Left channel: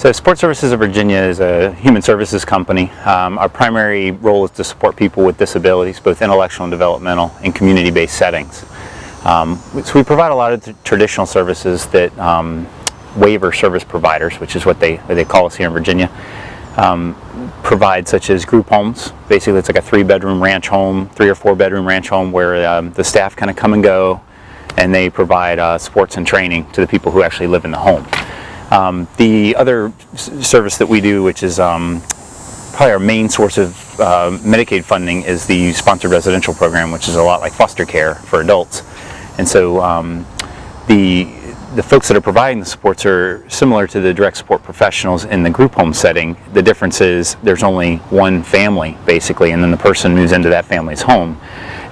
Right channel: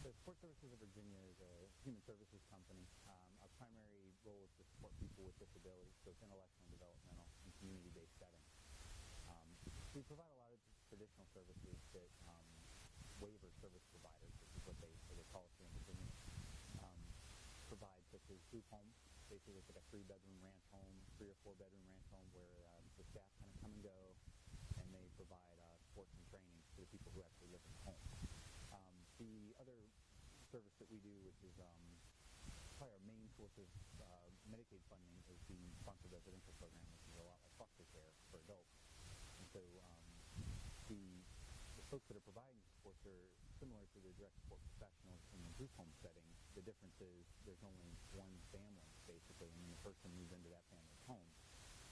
So Support Services of Virginia is a human services company. Our primary role is to support people with disabilities, both intellectual and developmental, in community-based settings. So we provide a lot of traditional services that waiver service providers, which is what they call us here in Virginia, provide, such as group homes. Basically, it's like a 3-bedroom ranch home, 3 or 4-bedroom ranch home where the staff kind of come and go, and they provide sports and training to the people who actually live in the home. The other service that we do, which is probably our main source of Medicaid funding, is the sponsored residential program, which is a lot like foster care for adults. And so the folks that are providing the supports are similar to the direct support professionals in the group home setting. The difference is there's only one family, basically, and then the person moves into that family's home,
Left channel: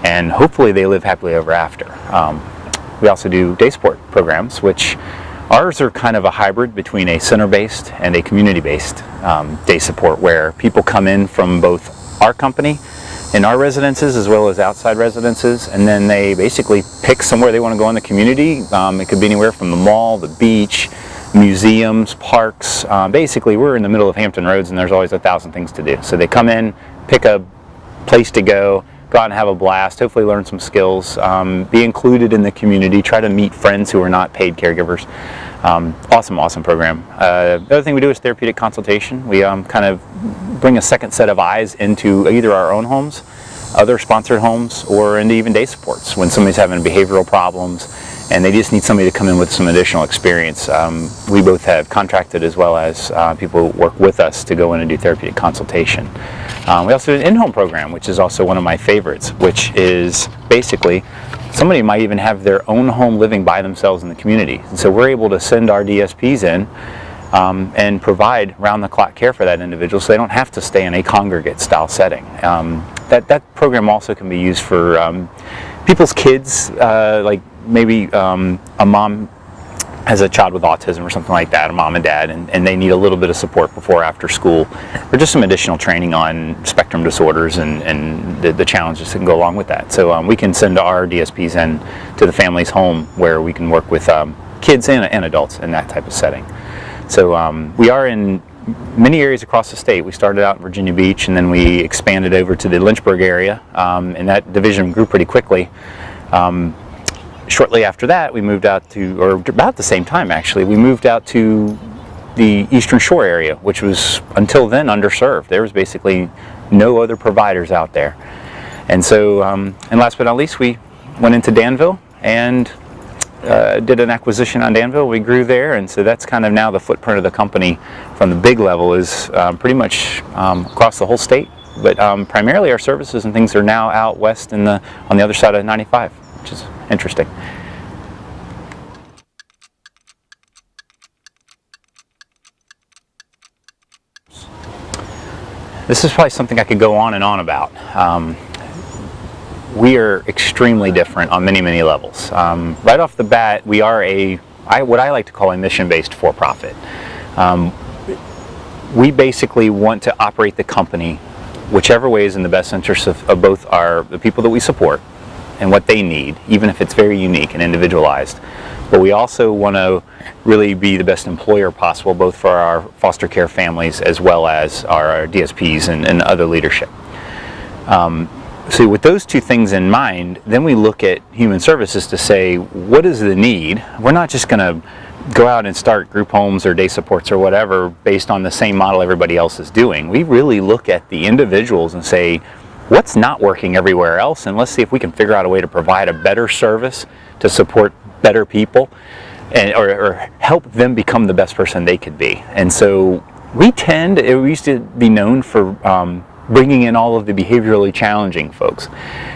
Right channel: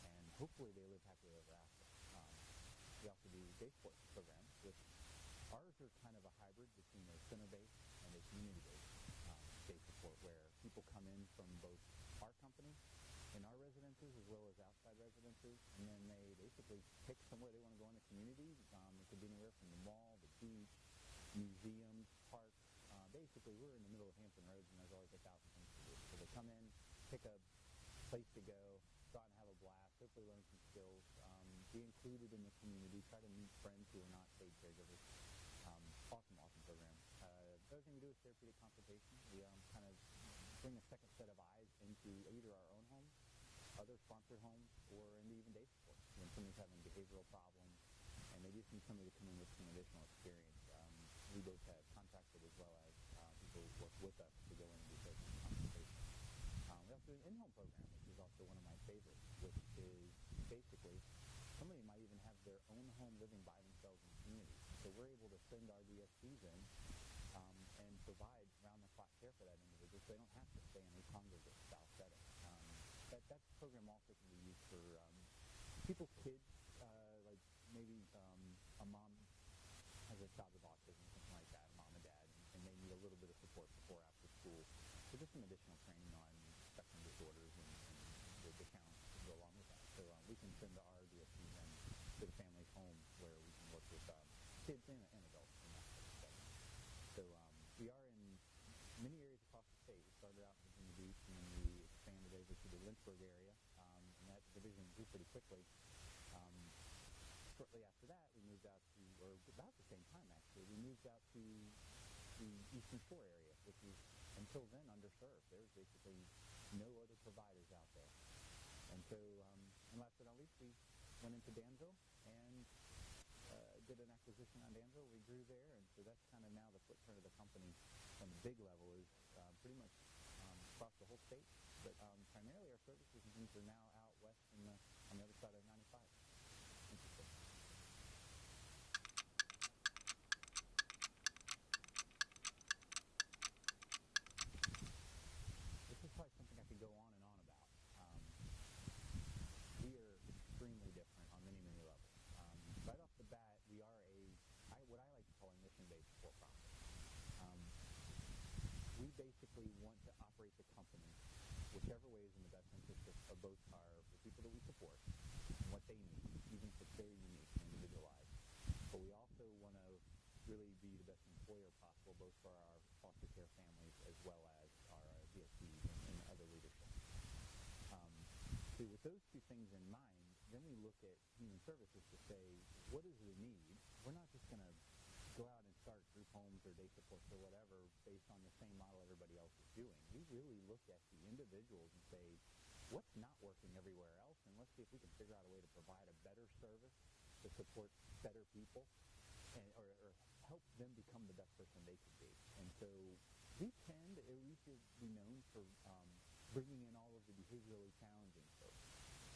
and hopefully they live happily ever after. We also do day support programs, which ours are kind of a hybrid between a center-based and a community-based day support, where people come in from both our company in our residences as well as outside residences, and then they basically pick somewhere they want to go in the community. It could be anywhere from the mall, the beach, museums, parks. Basically, we're in the middle of Hampton Roads, and there's always 1,000 things to do. So they come in, pick a place to go out and have a blast, hopefully learn some skills, be included in the community, try to meet friends who are not paid caregivers. Awesome program. The other thing we do is therapeutic consultation. We kind of bring a second set of eyes into either our own homes, other sponsored homes, or into even day supports when somebody's having behavioral problems and they just need somebody to come in with some additional experience. We both have contracted, as well as people who work with us, to go in and do therapeutic consultation. We also do an in-home program, which is also one of my favorites, which is basically somebody might even have their own home living by themselves in the community. And so we're able to send our DSPs in and provide round-the-clock care for that individual, so they don't have to stay in a congregate style setting. That program also can be used for people's kids, like maybe a mom has a child with autism or something like that, a mom and dad, and they need a little bit of support before or after school, or just some additional training on spectrum disorders and the challenges that can go along with that. So we can send our DSPs in to the family's home, where we can work with kids and adults in that type of setting. So we are in many areas across the state. We started out in Virginia Beach, and then we expanded over to the Lynchburg area, and that division grew pretty quickly. Shortly after that, we moved out to, or about the same time actually, we moved out to the Eastern Shore area, which was until then underserved. There was basically no other providers out there. And so, and last but not least, we went into Danville and did an acquisition on Danville. We grew there, and so that's kind of now the footprint of the company from the big level is pretty much across the whole state. But primarily our services and things are now out west on the other side of 95, which is interesting. This is probably something I could go on and on about. We are extremely different on many levels. Right off the bat, we are what I like to call a mission-based for-profit. We basically want to operate the company whichever way is in the best interest of both the people that we support and what they need, even if it's very unique and individualized. But we also want to really be the best employer possible, both for our foster care families as well as our DSPs and other leadership. So with those two things in mind, then we look at human services to say, what is the need? We're not just going to go out and start group homes or day supports or whatever based on the same model everybody else is doing. We really look at the individuals and say, what's not working everywhere else, and let's see if we can figure out a way to provide a better service to support better people or help them become the best person they could be. And so we used to be known for bringing in all of the behaviorally challenging folks.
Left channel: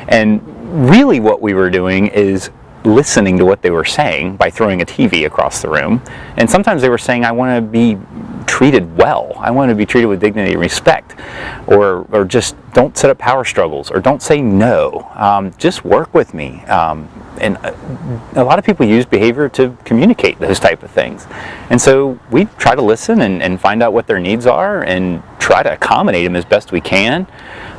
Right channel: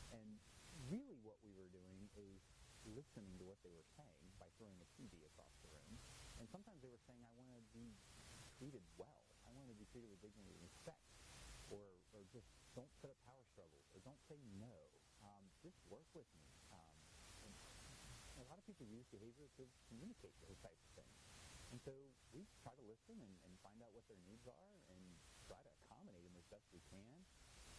And really what we were doing is listening to what they were saying by throwing a TV across the room. And sometimes they were saying, I want to be treated well. I want to be treated with dignity and respect. Or just don't set up power struggles, or don't say no. Just work with me. And a lot of people use behavior to communicate those type of things. And so we try to listen and find out what their needs are and try to accommodate them as best we can.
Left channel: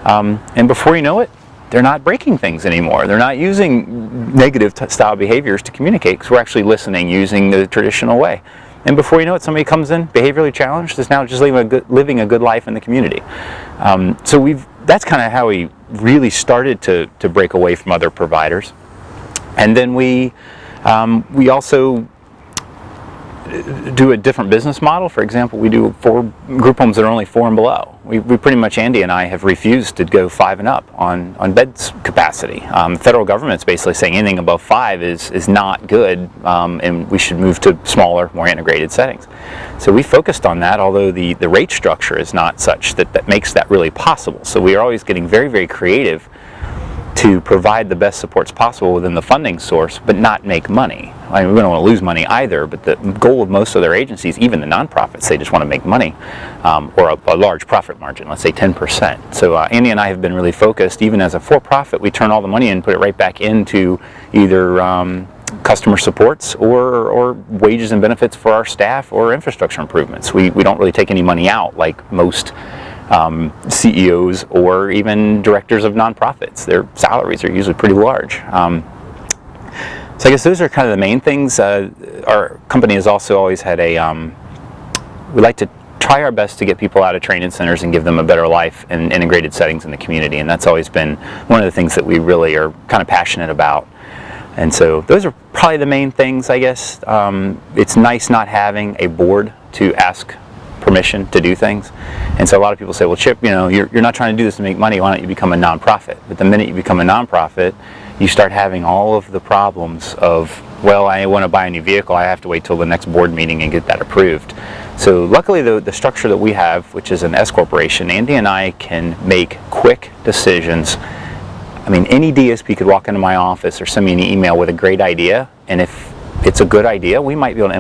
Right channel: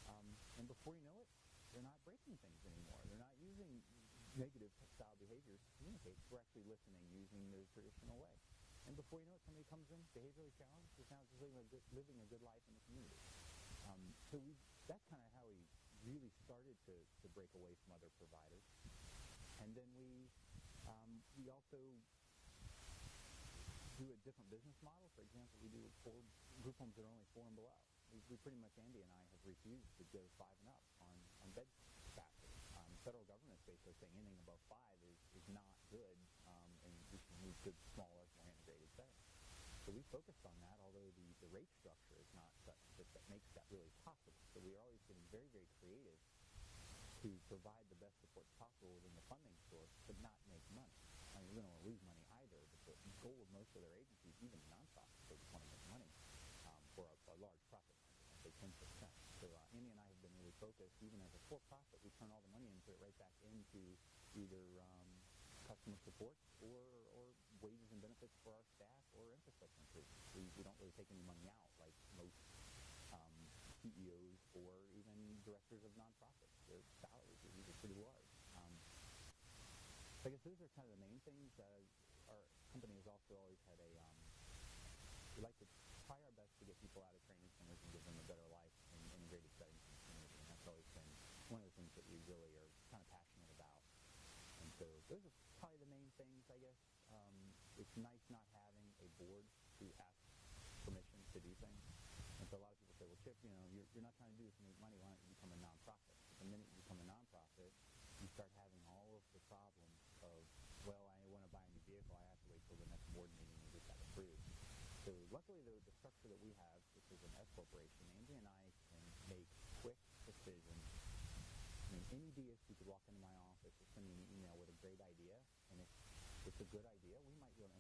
And before you know it, they're not breaking things anymore. They're not using negative style behaviors to communicate, because we're actually listening using the traditional way. and before you know it, somebody comes in behaviorally challenged, is now just living a good life in the community. So that's kind of how we really started to break away from other providers. And then we also do a different business model. For example, we do 4 group homes that are only 4 and below. We pretty much, Andy and I, have refused to go 5 and up on beds capacity. The federal government's basically saying anything above 5 is not good, and we should move to smaller, more integrated settings. So we focused on that, although the rate structure is not such that makes that really possible. So we are always getting very, very creative to provide the best supports possible within the funding source, but not make money. I mean, we don't want to lose money either, but the goal of most of their agencies, even the nonprofits, they just want to make money, or a large profit margin, let's say 10%. So Andy and I have been really focused. Even as a for-profit, we turn all the money in and put it right back into either customer supports or wages and benefits for our staff or infrastructure improvements. We don't really take any money out like most CEOs or even directors of nonprofits. Their salaries are usually pretty large. So I guess those are kind of the main things. Our company has also always had we like to try our best to get people out of training centers and give them a better life in integrated settings in the community, and that's always been one of the things that we really are kind of passionate about. And so those are probably the main things, I guess. It's nice not having a board to ask permission to do things. And so a lot of people say, well, Chip, you're not trying to do this to make money, why don't you become a nonprofit? But the minute you become a nonprofit, you start having all of the problems of, well, I want to buy a new vehicle, I have to wait till the next board meeting and get that approved. So luckily the structure that we have, which is an S corporation, Andy and I can make quick decisions. I mean, any DSP could walk into my office or send me an email with a great idea, and if it's a good idea, we might be able to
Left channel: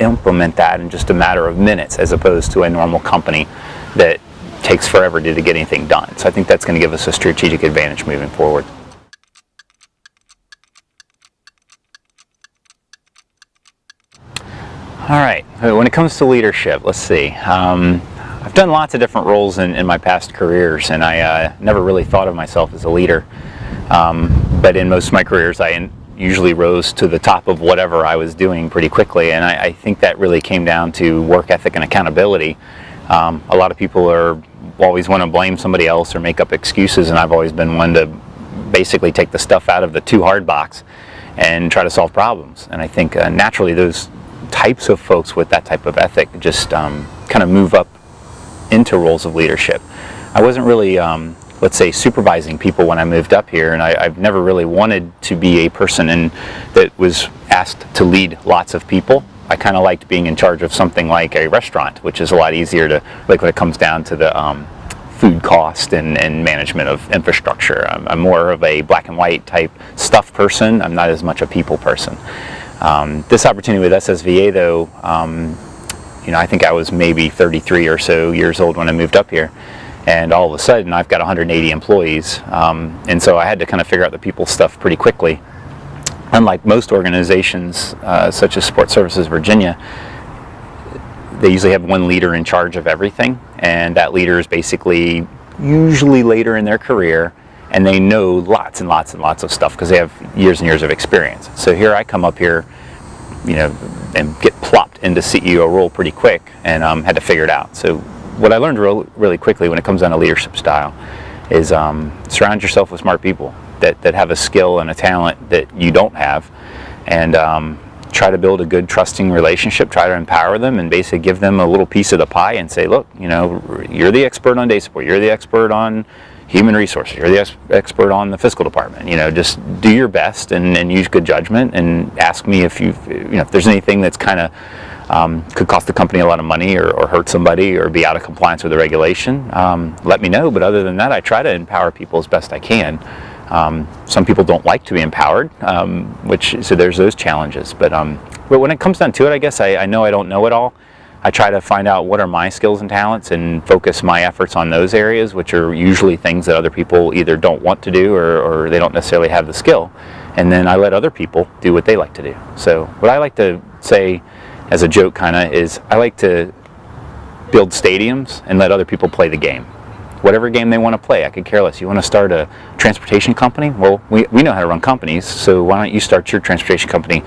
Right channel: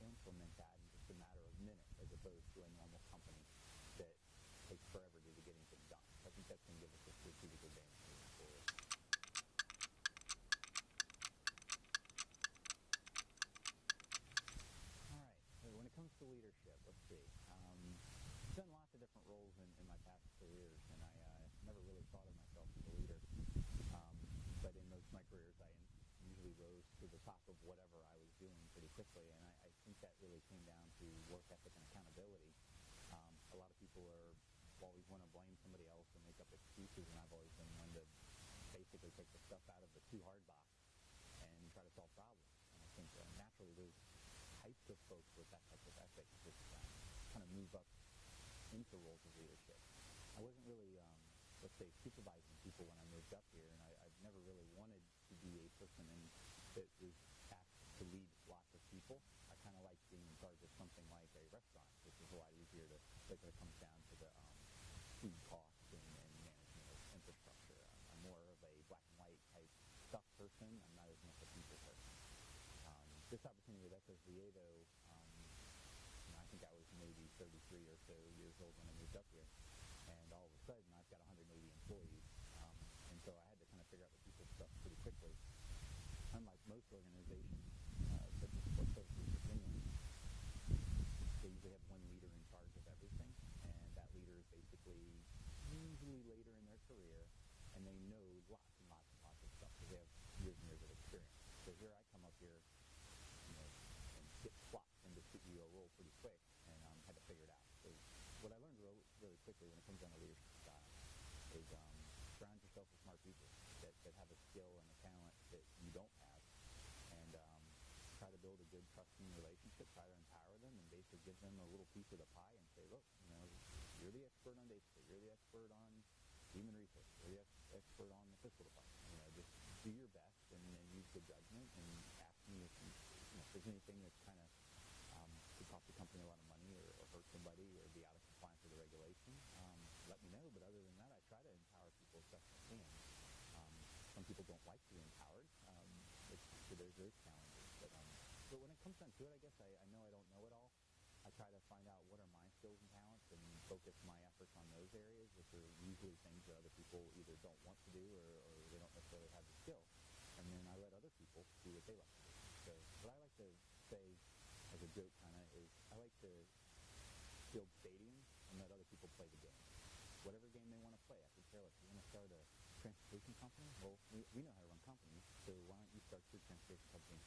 implement that in just a matter of minutes, as opposed to a normal company that takes forever to get anything done. So I think that's going to give us a strategic advantage moving forward. All right, when it comes to leadership, let's see. I've done lots of different roles in my past careers, and I never really thought of myself as a leader. But in most of my careers, I usually rose to the top of whatever I was doing pretty quickly, and I think that really came down to work ethic and accountability. A lot of people always want to blame somebody else or make up excuses, and I've always been one to basically take the stuff out of the too hard box and try to solve problems. And I think naturally those types of folks with that type of ethic just kind of move up into roles of leadership. I wasn't really let's say supervising people when I moved up here, and I've never really wanted to be a person that was asked to lead lots of people. I kind of liked being in charge of something like a restaurant, which is a lot easier to, like when it comes down to the food cost and management of infrastructure. I'm more of a black and white type stuff person. I'm not as much a people person. This opportunity with SSVA though, I think I was maybe 33 or so years old when I moved up here. And all of a sudden I've got 180 employees, and so I had to kind of figure out the people stuff pretty quickly. Unlike most organizations, such as Support Services Virginia, they usually have one leader in charge of everything, and that leader is basically usually later in their career, and they know lots and lots and lots of stuff because they have years and years of experience. So here I come up here, and get plopped into CEO role pretty quick, and had to figure it out. So what I learned really quickly when it comes down to leadership style is surround yourself with smart people that have a skill and a talent that you don't have, and try to build a good trusting relationship, try to empower them and basically give them a little piece of the pie and say, look, you're the expert on day support, you're the expert on human resources, you're the expert on the fiscal department, just do your best and use good judgment, and ask me if if there's anything that's kind of could cost the company a lot of money or hurt somebody or be out of compliance with the regulation, let me know. But other than that, I try to empower people as best I can. Some people don't like to be empowered, so there's those challenges. But when it comes down to it, I guess I know I don't know it all. I try to find out what are my skills and talents and focus my efforts on those areas, which are usually things that other people either don't want to do or they don't necessarily have the skill. And then I let other people do what they like to do. So what I like to say as a joke kind of is I like to build stadiums and let other people play the game. Whatever game they want to play, I could care less. You want to start a transportation company? Well, we know how to run companies, so why don't you start your transportation company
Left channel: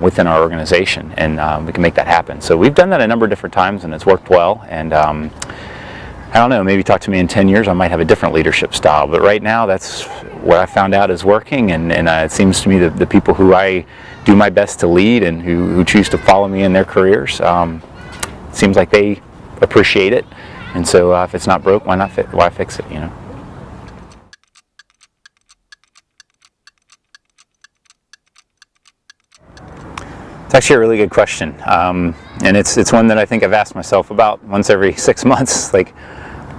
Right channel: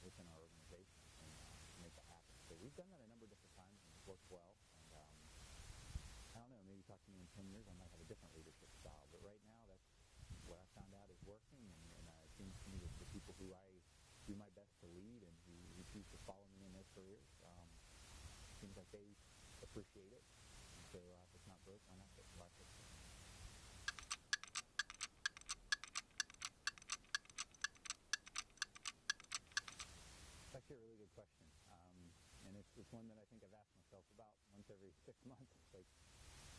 within our organization, and we can make that happen. So we've done that a number of different times, and it's worked well. And I don't know, maybe talk to me in 10 years, I might have a different leadership style. But right now, that's what I found out is working, and it seems to me that the people who I do my best to lead and who choose to follow me in their careers, seems like they appreciate it. And so if it's not broke, why fix it, you know? It's actually a really good question, and it's one that I think I've asked myself about once every 6 months. Like,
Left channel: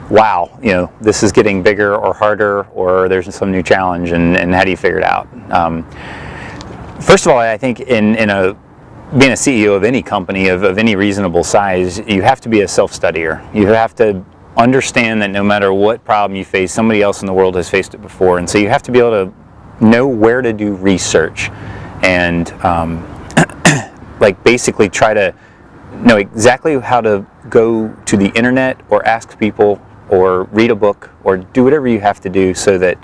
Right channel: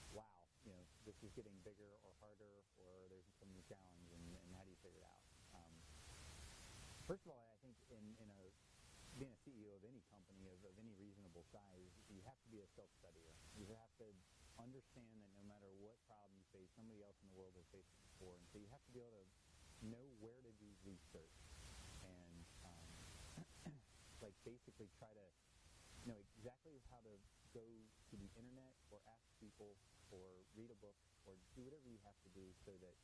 wow, you know, this is getting bigger or harder, or there's some new challenge, and how do you figure it out? First of all, I think being a CEO of any company of any reasonable size, you have to be a self-studier. You have to understand that no matter what problem you face, somebody else in the world has faced it before, and so you have to be able to know where to do research and like basically try to know exactly how to go to the internet or ask people or read a book or do whatever you have to do so that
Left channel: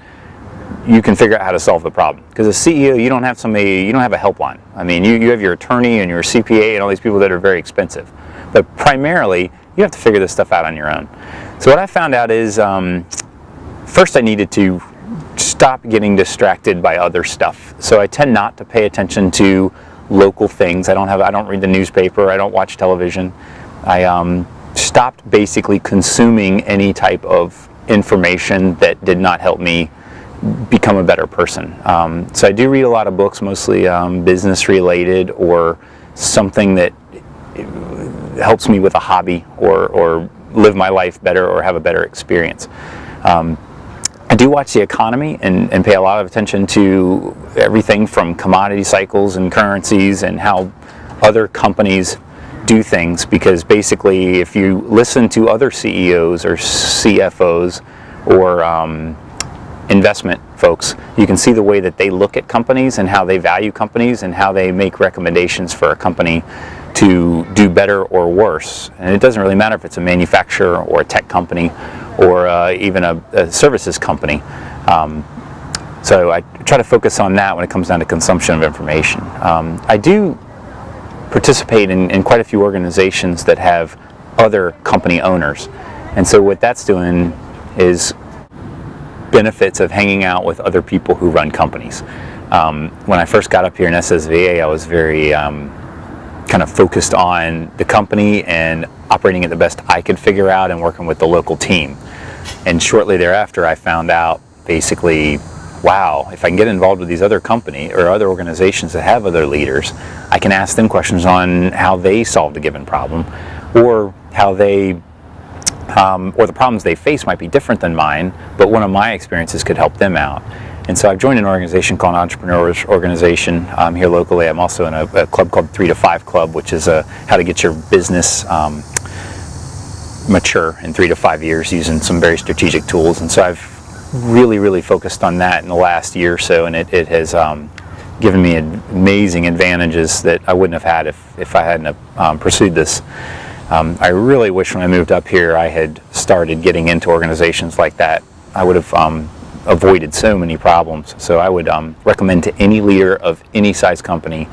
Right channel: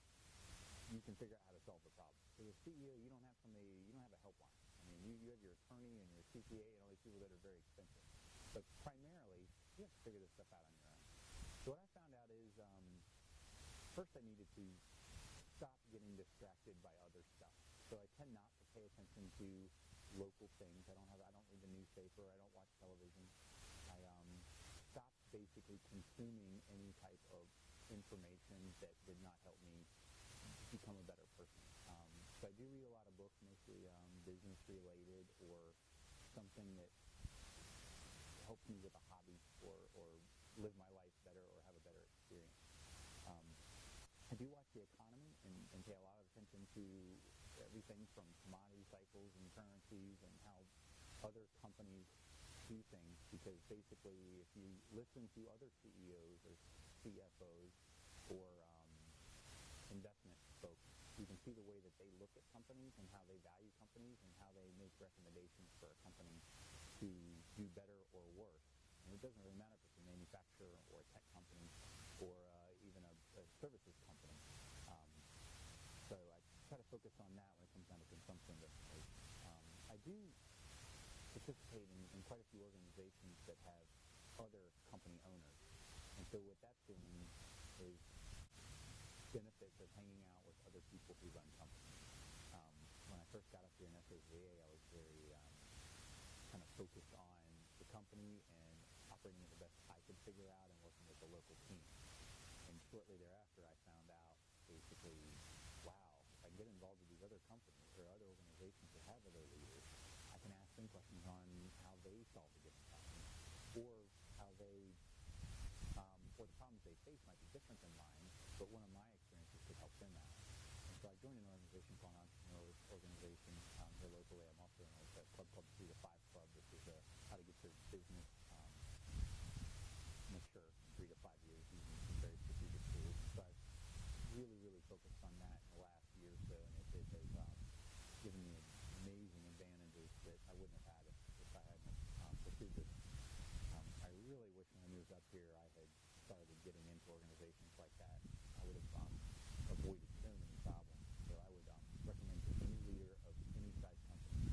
you can figure out how to solve the problem. Because as CEO, you don't have a helpline. I mean, you have your attorney and your CPA and all these people that are very expensive. But primarily, you have to figure this stuff out on your own. So what I found out is, first I needed to stop getting distracted by other stuff. So I tend not to pay attention to local things. I don't read the newspaper. I don't watch television. I stopped basically consuming any type of information that did not help me become a better person. So I do read a lot of books, mostly business related or something that helps me with a hobby or live my life better or have a better experience. I do watch the economy and pay a lot of attention to everything from commodity cycles and currencies and how other companies do things, because basically if you listen to other CEOs or CFOs or investment folks, you can see the way that they look at companies and how they value companies and how they make recommendations for a company to do better or worse. And it doesn't really matter if it's a manufacturer or a tech company or even a services company. So I try to focus on that when it comes down to consumption of information. I do participate in quite a few organizations that have other company owners. And so what that's doing is benefits of hanging out with other people who run companies. When I first got up here in SSVA, I was very kind of focused on the company and operating it the best I could figure out and working with the local team. And shortly thereafter, I found out basically, wow, if I can get involved with these other company or other organizations that have other leaders, I can ask them questions on how they solved a given problem, or how they, or the problems they face might be different than mine, but one of my experiences could help them out. And so I've joined an organization called an Entrepreneurs Organization here locally. I'm also in a club called 3 to 5 Club, which is how to get your business mature in 3 to 5 years using some very strategic tools. And so I've really focused on that in the last year or so, and it has given me amazing advantages that I wouldn't have had if I hadn't pursued this. I really wish when I moved up here I had started getting into organizations like that. I would have avoided so many problems. So I would recommend to any leader of any size company,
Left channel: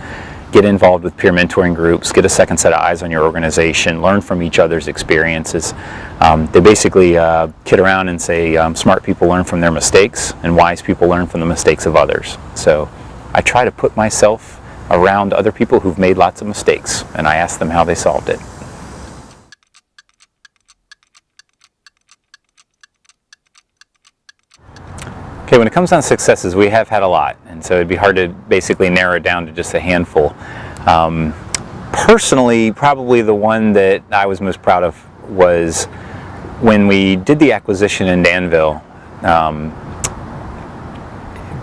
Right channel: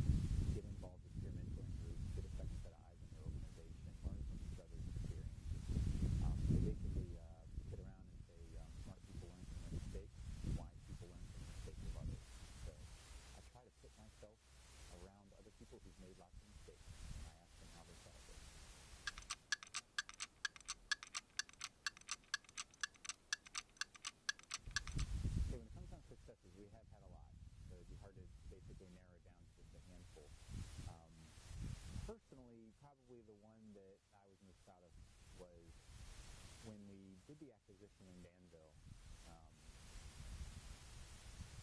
get involved with peer mentoring groups, get a second set of eyes on your organization, learn from each other's experiences. They basically kid around and say smart people learn from their mistakes and wise people learn from the mistakes of others. So I try to put myself around other people who've made lots of mistakes, and I ask them how they solved it. Okay, when it comes down to successes, we have had a lot, and so it'd be hard to basically narrow it down to just a handful. Personally, probably the one that I was most proud of was when we did the acquisition in Danville,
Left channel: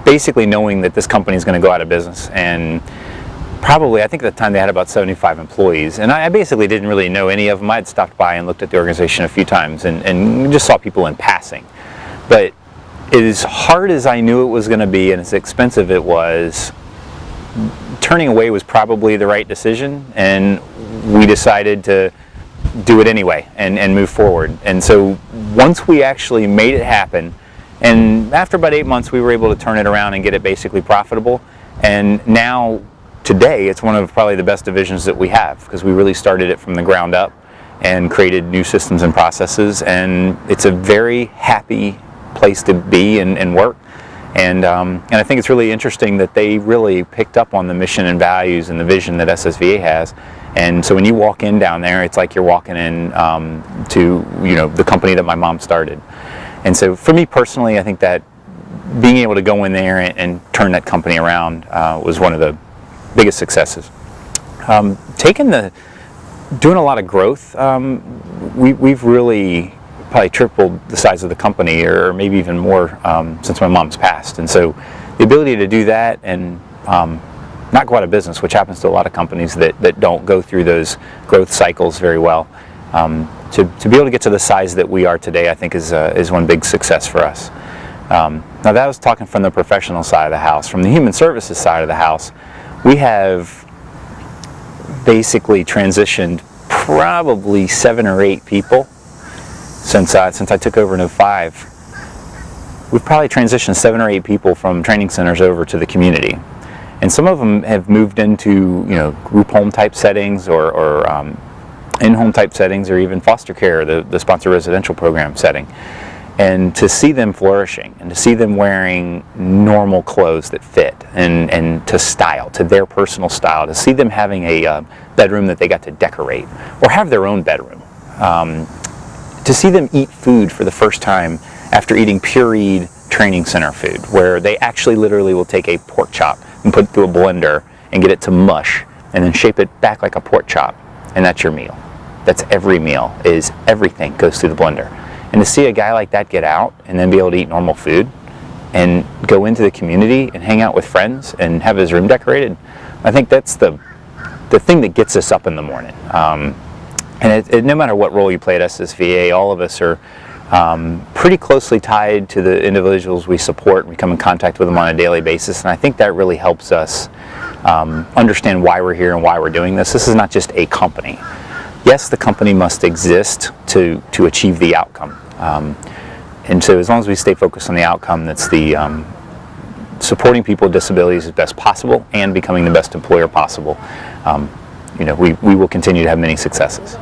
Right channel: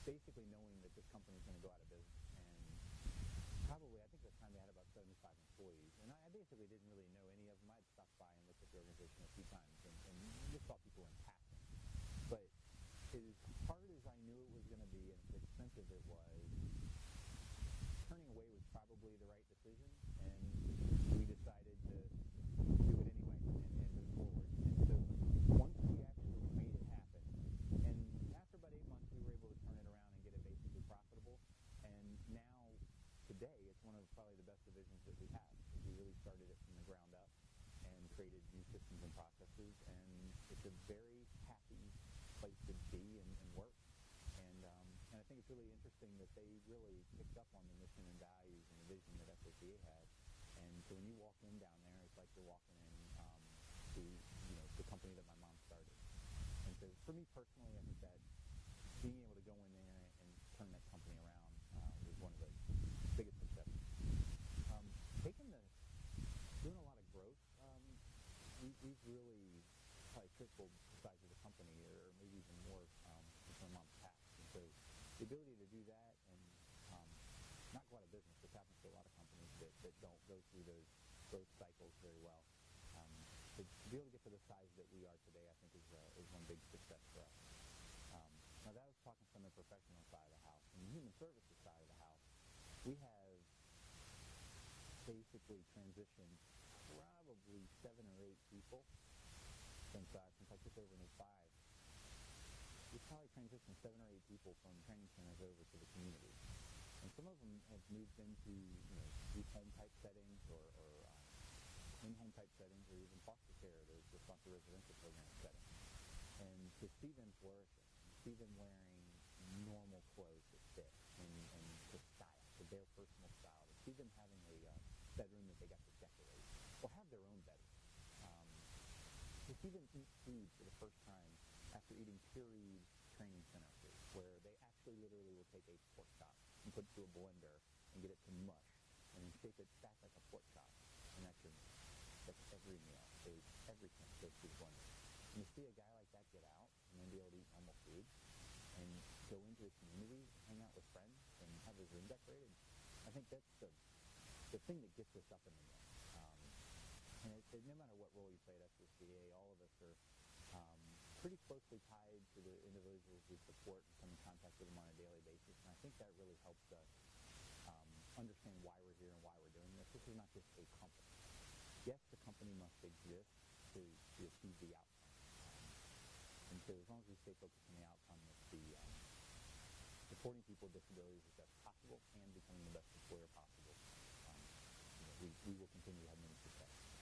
basically knowing that this company is going to go out of business, and probably, I think at the time they had about 75 employees, and I basically didn't really know any of them. I had stopped by and looked at the organization a few times and just saw people in passing. But as hard as I knew it was going to be and as expensive it was, turning away was probably the right decision, and we decided to do it anyway and move forward. And so once we actually made it happen, and after about 8 months we were able to turn it around and get it basically profitable, and now today it's one of probably the best divisions that we have, because we really started it from the ground up and created new systems and processes, and it's a very happy place to be and work. And I think it's really interesting that they really picked up on the mission and values and the vision that SSVA has. And so when you walk in down there, it's like you're walking in to the company that my mom started. And so for me personally, I think that being able to go in there and turn that company around was one of the biggest successes. Doing a lot of growth, we've really probably tripled the size of the company, or maybe even more, since my mom's passed. And so the ability to do that and not go out of business, which happens to a lot of companies that don't go through those growth cycles very well, to be able to get to the size that we are today, I think is one big success for us. Now that was talking from the professional side of the house. From the human services side of the house, we have basically transitioned probably 7 or 8 people since I took over in 2005. We've probably transitioned 7 or 8 people from training centers over to the community, and some of them have moved into group home type settings or in-home type settings, or even foster care, the sponsored residential program setting. And to see them flourishing, and to see them wearing normal clothes that fit and to style, to their personal style, to see them having a bedroom that they got to decorate or have their own bedroom, to see them eat food for the first time after eating pureed training center food, where they actually literally will take a pork chop and put it through a blender and get it to mush and then shape it back like a pork chop, and that's your meal. That's every meal, is everything goes through the blender. And to see a guy like that get out and then be able to eat normal food and go into the community and hang out with friends and have his room decorated, I think that's the thing that gets us up in the morning. And no matter what role you play at SSVA, all of us are pretty closely tied to the individuals we support. We come in contact with them on a daily basis, and I think that really helps us understand why we're here and why we're doing this. This is not just a company. Yes, the company must exist to achieve the outcome. And so as long as we stay focused on the outcome, that's the supporting people with disabilities as best possible and becoming the best employer possible, we will continue to have many successes.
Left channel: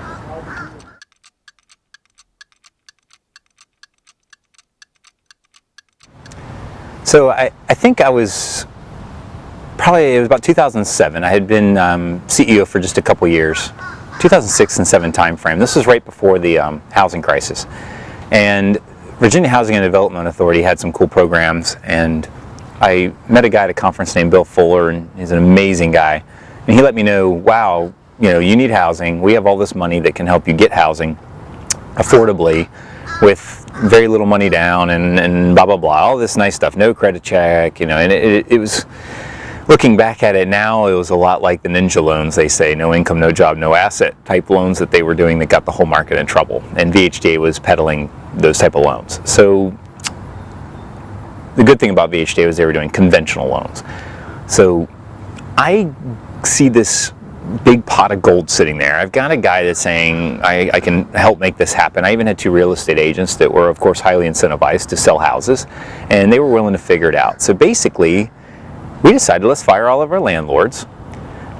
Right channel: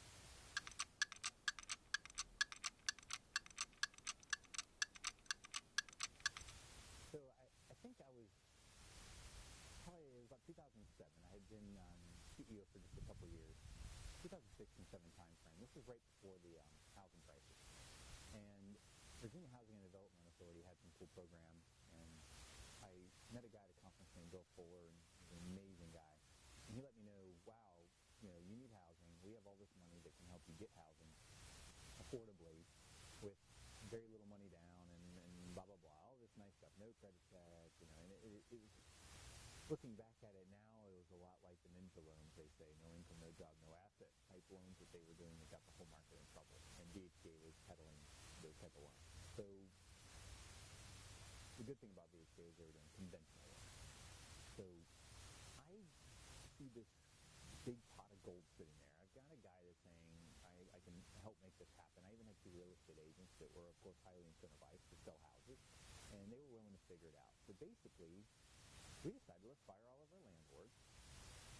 So I think it was about 2007. I had been CEO for just a couple years, 2006 and 2007 time frame. This was right before the housing crisis. And Virginia Housing and Development Authority had some cool programs, and I met a guy at a conference named Bill Fuller, and he's an amazing guy. And he let me know, wow, you need housing. We have all this money that can help you get housing affordably with very little money down and blah, blah, blah, all this nice stuff, no credit check, and it was, looking back at it now, it was a lot like the ninja loans, they say, no income, no job, no asset type loans that they were doing that got the whole market in trouble. And VHDA was peddling those type of loans. So the good thing about VHDA was they were doing conventional loans. So I see this big pot of gold sitting there. I've got a guy that's saying I can help make this happen. I even had 2 real estate agents that were, of course, highly incentivized to sell houses, and they were willing to figure it out. So basically, we decided, let's fire all of our landlords.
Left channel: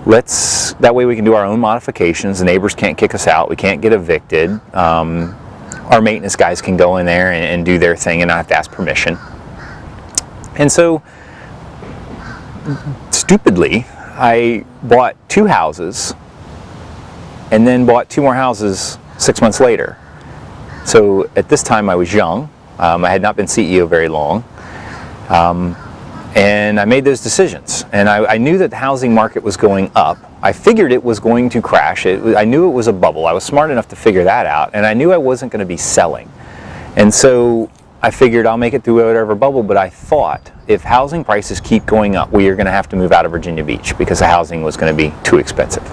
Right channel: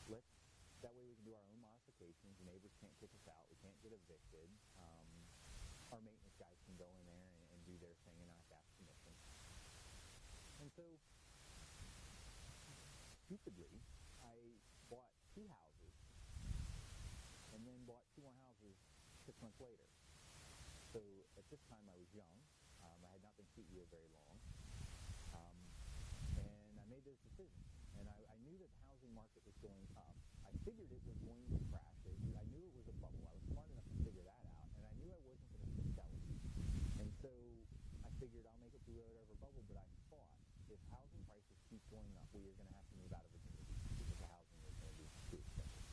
That way we can do our own modifications. The neighbors can't kick us out. We can't get evicted. Our maintenance guys can go in there and do their thing and not have to ask permission. And so, stupidly, I bought 2 houses and then bought 2 more houses 6 months later. So at this time I was young. I had not been CEO very long. And I made those decisions. And I knew that the housing market was going up. I figured it was going to crash. I knew it was a bubble. I was smart enough to figure that out. And I knew I wasn't going to be selling. And so I figured I'll make it through whatever bubble, but I thought if housing prices keep going up, we are going to have to move out of Virginia Beach because the housing was going to be too expensive.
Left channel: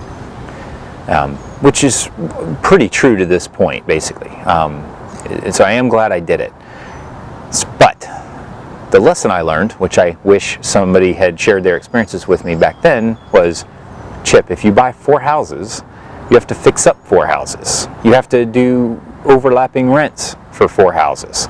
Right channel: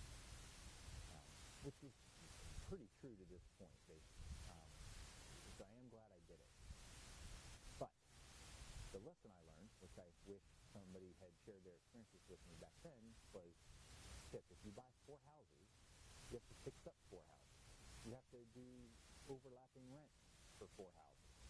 Which is pretty true to this point, basically. So I am glad I did it. But the lesson I learned, which I wish somebody had shared their experiences with me back then, was, Chip, if you buy 4 houses, you have to fix up 4 houses. You have to do overlapping rents for 4 houses.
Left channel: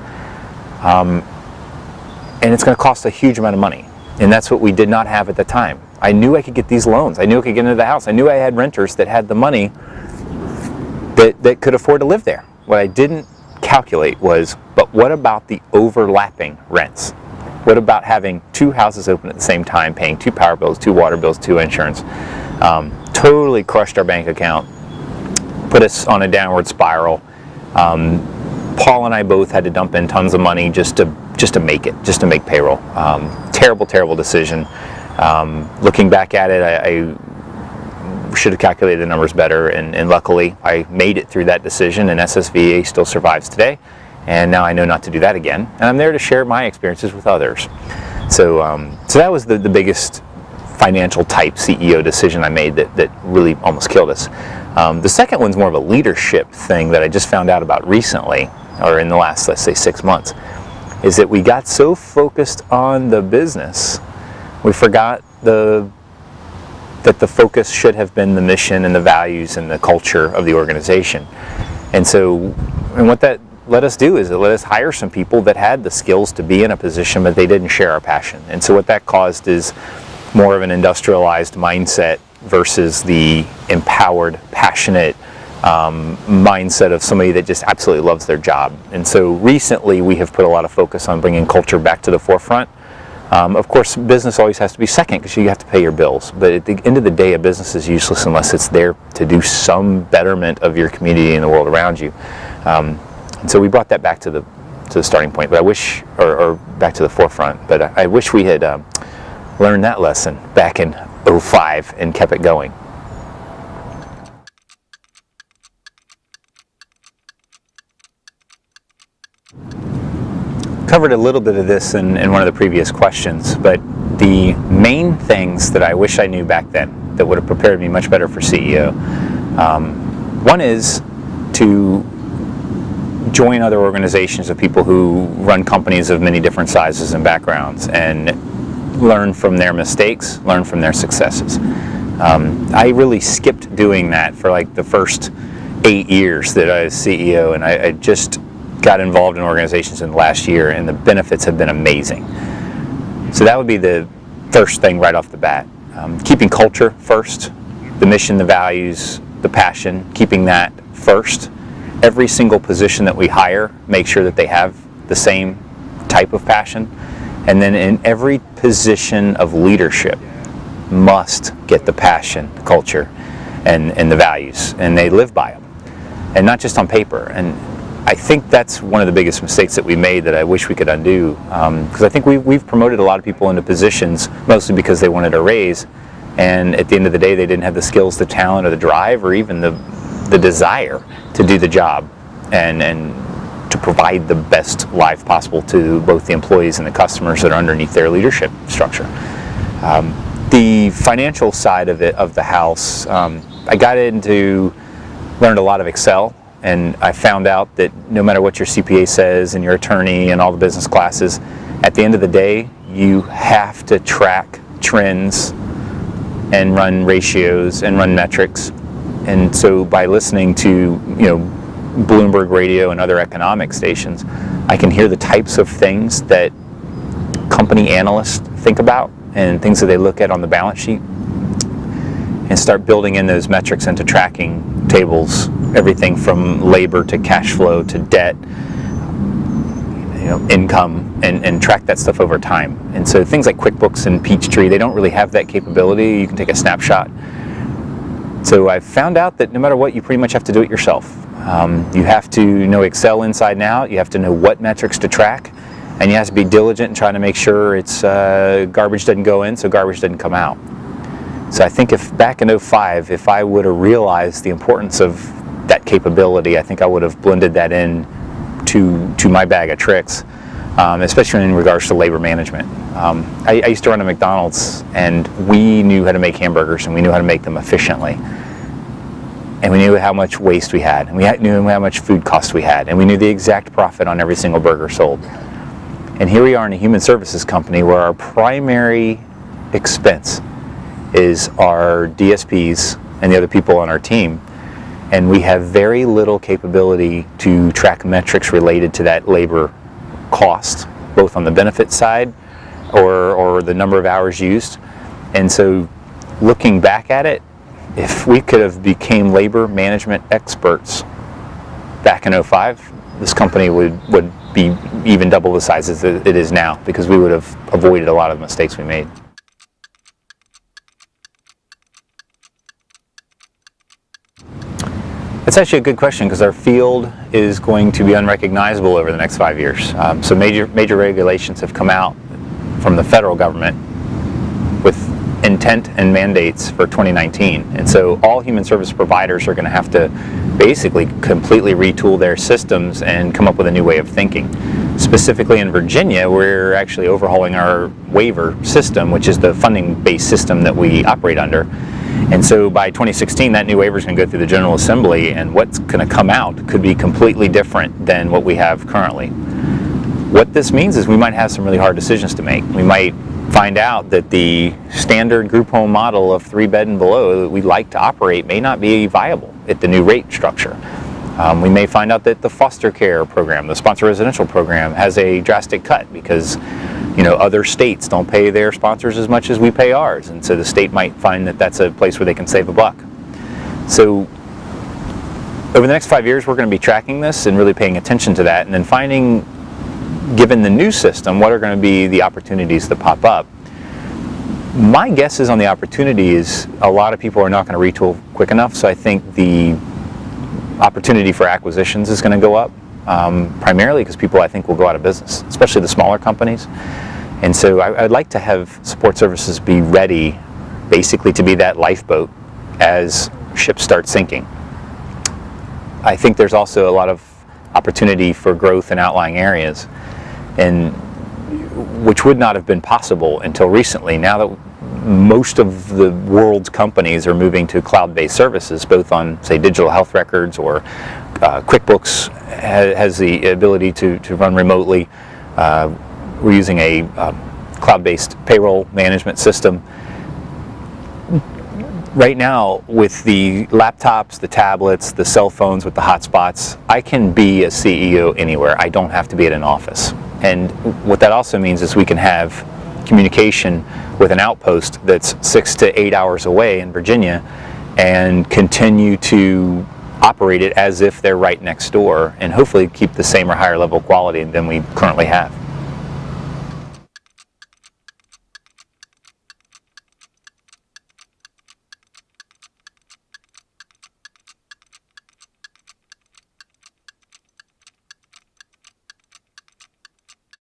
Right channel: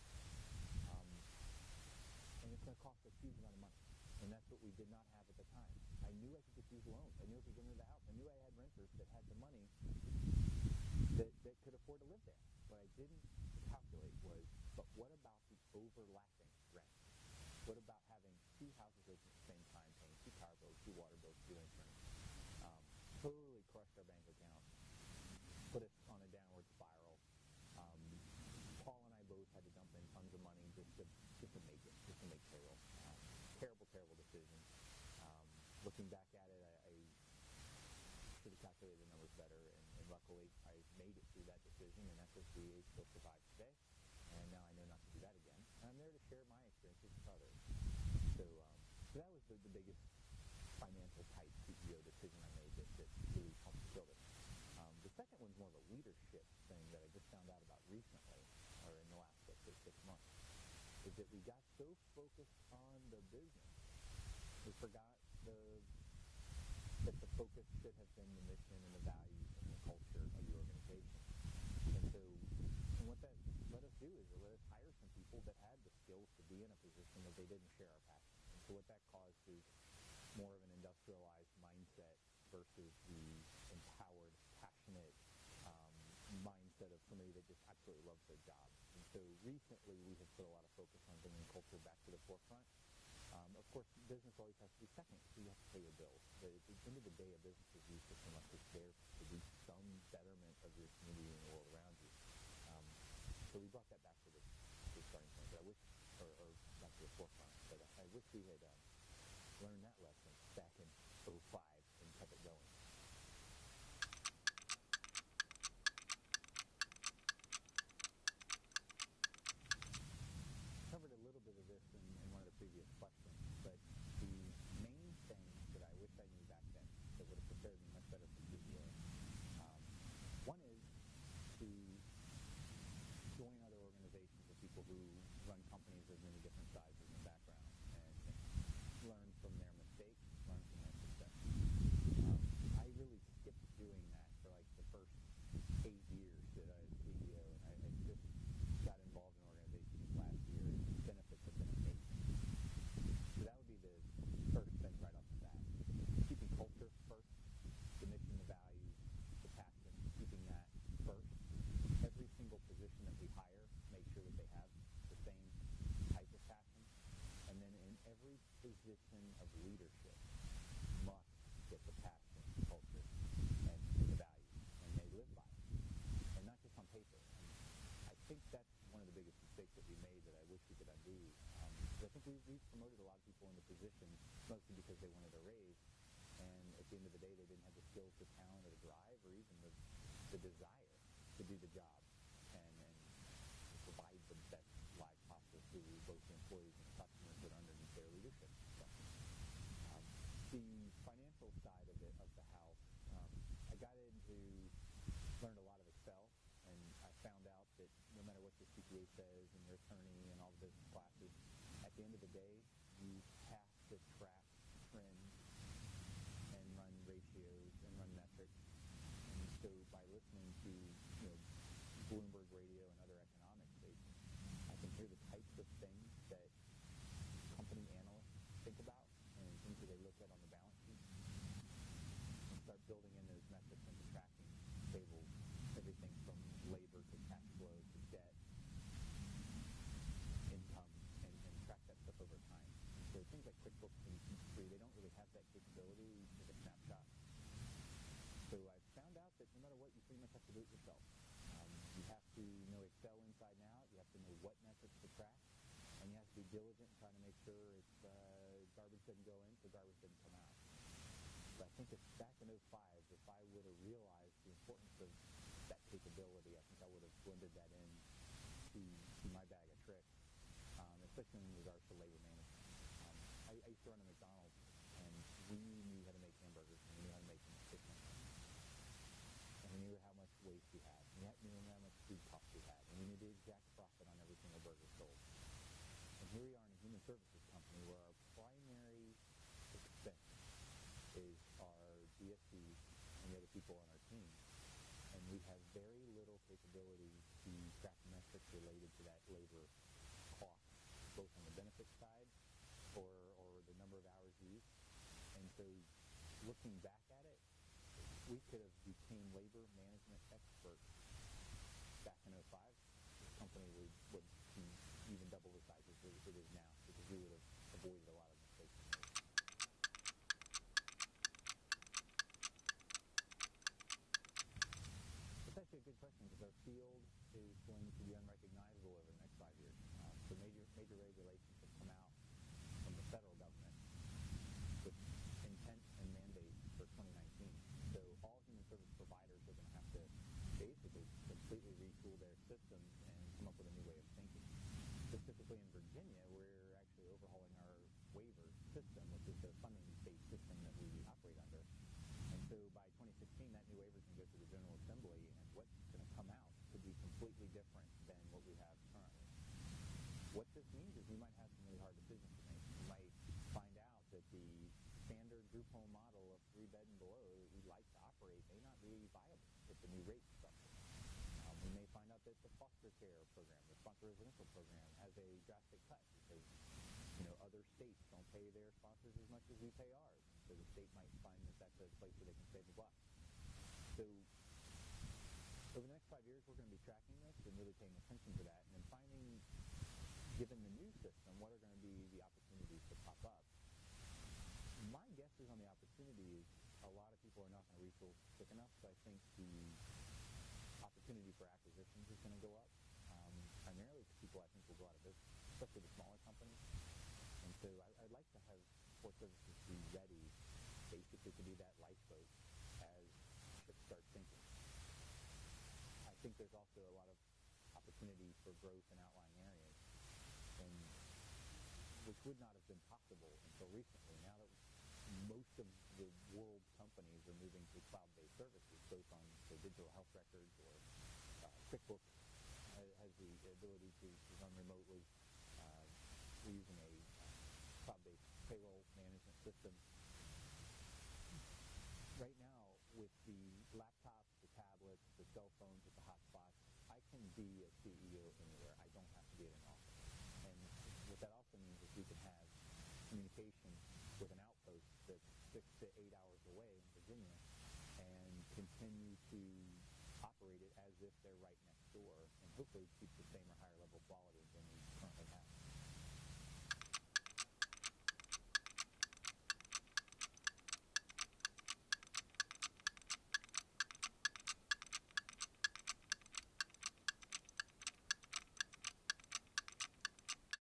And it's going to cost a huge amount of money. And that's what we did not have at the time. I knew I could get these loans. I knew I could get into the house. I knew I had renters that had the money that could afford to live there. What I didn't calculate was, but what about the overlapping rents? What about having 2 houses open at the same time, paying 2 power bills, 2 water bills, 2 insurance? Totally crushed our bank account, put us on a downward spiral. Paul and I both had to dump in tons of money just to make it, just to make payroll. Terrible decision. Looking back at it, I should have calculated the numbers better, and luckily I made it through that decision, and SSVA still survives today, and now I know not to do that again, and I'm there to share my experiences with others. So that was the biggest financial type CEO decision I made that really almost killed us. The second one's more of a leadership thing that I just found out about recently, or in the last, let's say, 6 months, is that we got so focused on the business, we forgot that the focus should have been the mission and the values and the culture of the organization. And what that let us do is it let us hire some people that had the skills to be in a position, but they didn't share our passion. And so what that caused is more of an industrialized mindset versus the empowered, passionate mindset of somebody that just absolutely loves their job. And so recently we have put a lot of focus on bringing culture back to the forefront. Of course, business always has to be second because you have to pay your bills. But at the end of the day, a business is useless unless it's there to do some betterment of your community and the world around you. And so we brought that back to the starting point. But I wish, or back to the forefront. But I wish we had learned that lesson back in '05 and kept it going. Covered a little bit of this in one of the previous questions, but the main things that I wish I knew back then that would have prepared me much better for CEO. One is to join other organizations of people who run companies of many different sizes and backgrounds and learn from their mistakes, learn from their successes. I really skipped doing that for like the first 8 years that I was CEO, and I just got involved in organizations in the last year, and the benefits have been amazing. So that would be the first thing right off the bat. Keeping culture first, the mission, the values, the passion, keeping that first. Every single position that we hire, make sure that they have the same type of passion. And then in every position of leadership, must get the passion, the culture, and the values, and they live by them. And not just on paper. And I think that's one of the biggest mistakes that we made that I wish we could undo, because I think we've promoted a lot of people into positions mostly because they wanted a raise, and at the end of the day they didn't have the skills, the talent, or the drive, or even the desire to do the job and to provide the best life possible to both the employees and the customers that are underneath their leadership structure. The financial side of the house, I got into, learned a lot of Excel. And I found out that no matter what your CPA says and your attorney and all the business classes, at the end of the day, you have to track trends and run ratios and run metrics. And so by listening to, Bloomberg Radio and other economic stations, I can hear the types of things that company analysts think about and things that they look at on the balance sheet, and start building in those metrics into tracking tables, everything from labor to cash flow to debt, income, and track that stuff over time. And so things like QuickBooks and Peachtree, they don't really have that capability. You can take a snapshot. So I found out that no matter what, you pretty much have to do it yourself. You have to know Excel inside and out. You have to know what metrics to track, and you have to be diligent in trying to make sure it's garbage doesn't go in, so garbage doesn't come out. So I think if back in '05, if I would have realized the importance of that capability, I think I would have blended that in to my bag of tricks, especially in regards to labor management. I used to run a McDonald's, and we knew how to make hamburgers, and we knew how to make them efficiently. And we knew how much waste we had, and we knew how much food costs we had, and we knew the exact profit on every single burger sold. And here we are in a human services company where our primary expense is our DSPs and the other people on our team, and we have very little capability to track metrics related to that labor cost, both on the benefit side or the number of hours used. And so looking back at it, if we could have became labor management experts back in '05, this company would be even double the size as it is now, because we would have avoided a lot of the mistakes we made. That's actually a good question, because our field is going to be unrecognizable over the next 5 years. So major regulations have come out from the federal government with intent and mandates for 2019. And so all human service providers are going to have to basically completely retool their systems and come up with a new way of thinking. Specifically in Virginia, we're actually overhauling our waiver system, which is the funding-based system that we operate under. And so by 2016, that new waiver is going to go through the General Assembly, and what's going to come out could be completely different than what we have currently. What this means is we might have some really hard decisions to make. We might find out that the standard group home model of 3-bed and below that we'd like to operate may not be viable at the new rate structure. We may find out that the foster care program, the sponsor residential program, has a drastic cut because other states don't pay their sponsors as much as we pay ours, and so the state might find that that's a place where they can save a buck. So over the next 5 years, we're going to be tracking this and really paying attention to that, and then finding, given the new system, what are going to be the opportunities that pop up. My guess is on the opportunity is a lot of people are not going to retool quick enough, so I think the opportunity for acquisitions is going to go up, primarily because people, I think, will go out of business, especially the smaller companies. And so I'd like to have support services be ready basically to be that lifeboat as ships start sinking. I think there's also a lot of opportunity for growth in outlying areas, and which would not have been possible until recently. Now that most of the world's companies are moving to cloud-based services, both on, say, digital health records, or QuickBooks has the ability to run remotely. We're using a cloud-based payroll management system. Right now, with the laptops, the tablets, the cell phones with the hotspots, I can be a CEO anywhere. I don't have to be at an office. And what that also means is we can have communication with an outpost that's 6 to 8 hours away in Virginia and continue to operate it as if they're right next door, and hopefully keep the same or higher level quality than we currently have.